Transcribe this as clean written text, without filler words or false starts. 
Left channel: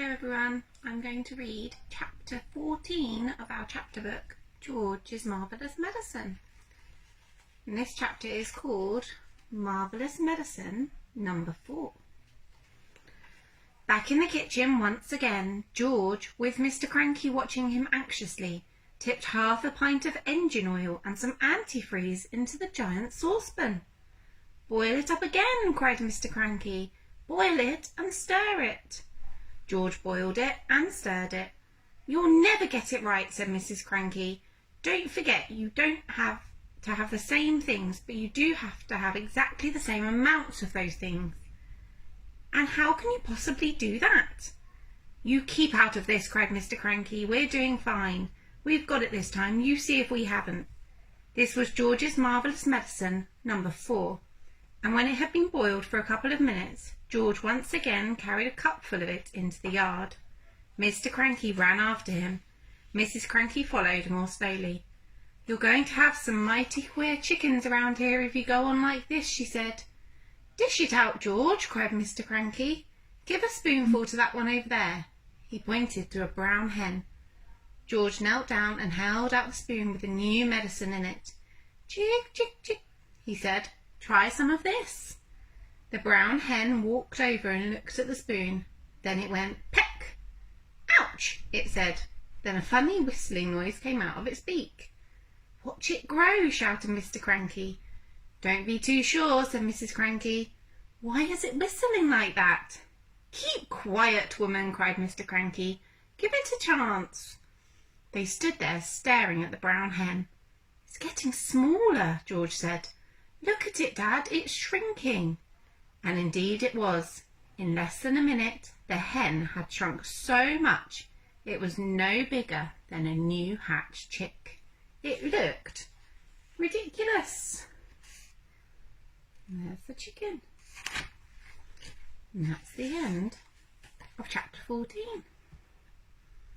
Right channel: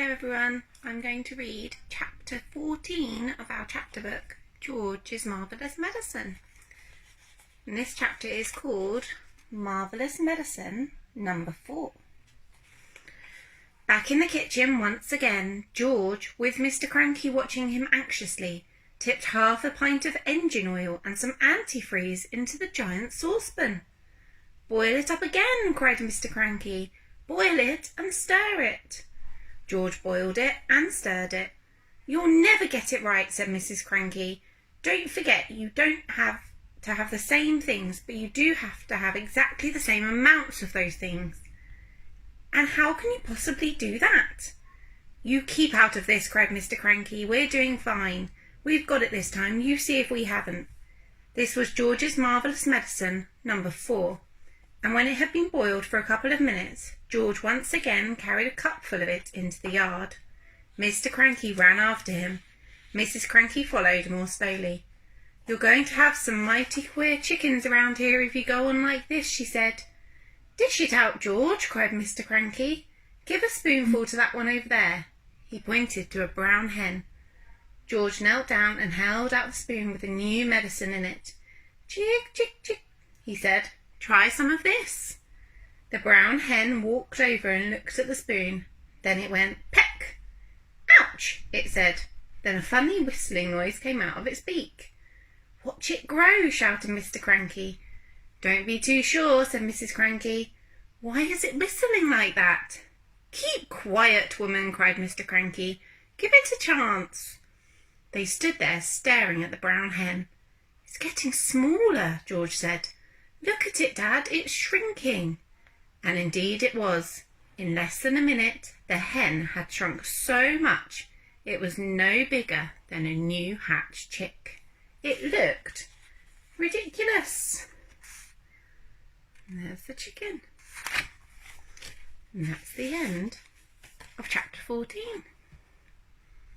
Hello everyone, I'm going to read chapter 14 of our chapter book, George's Marvellous Medicine. And this chapter is called Marvellous Medicine number 4. Back in the kitchen once again, George, with Mr. Cranky watching him anxiously, tipped half a pint of engine oil and some antifreeze into the giant saucepan. "Boil it up again," cried Mr. Cranky. "Boil it and stir it." George boiled it and stirred it. "You'll never get it right," said Mrs. Cranky. "Don't forget you don't have to have the same things, but you do have to have exactly the same amounts of those things." "And how can you possibly do that?" "You keep out of this," cried Mr. Cranky. "We're doing fine. We've got it this time. You see if we haven't." This was George's Marvellous Medicine number 4. And when it had been boiled for a couple of minutes, George once again carried a cupful of it into the yard. Mr. Cranky ran after him. Mrs. Cranky followed more slowly. "You're going to have some mighty queer chickens around here if you go on like this," she said. "Dish it out, George," cried Mr. Cranky. "Give a spoonful to that one over there." He pointed to a brown hen. George knelt down and held out the spoon with the new medicine in it. "Chick, chick, chick," he said. "Try some of this." The brown hen walked over and looked at the spoon. Then it went peck. "Ouch," it said. Then a funny whistling noise came out of its beak. "Watch it grow," shouted Mr. Cranky. "Don't be too sure," said Mrs. Cranky. "Why is it whistling like that?" "Keep quiet, woman," cried Mr. Cranky. "Give it a chance." They stood there staring at the brown hen. "It's getting smaller," George said. "Look at it, Dad, it's shrinking." And indeed it was. In less than a minute, the hen had shrunk so much it was no bigger than a new hatched chick. It looked ridiculous. And there's the chicken. And that's the end of chapter 14.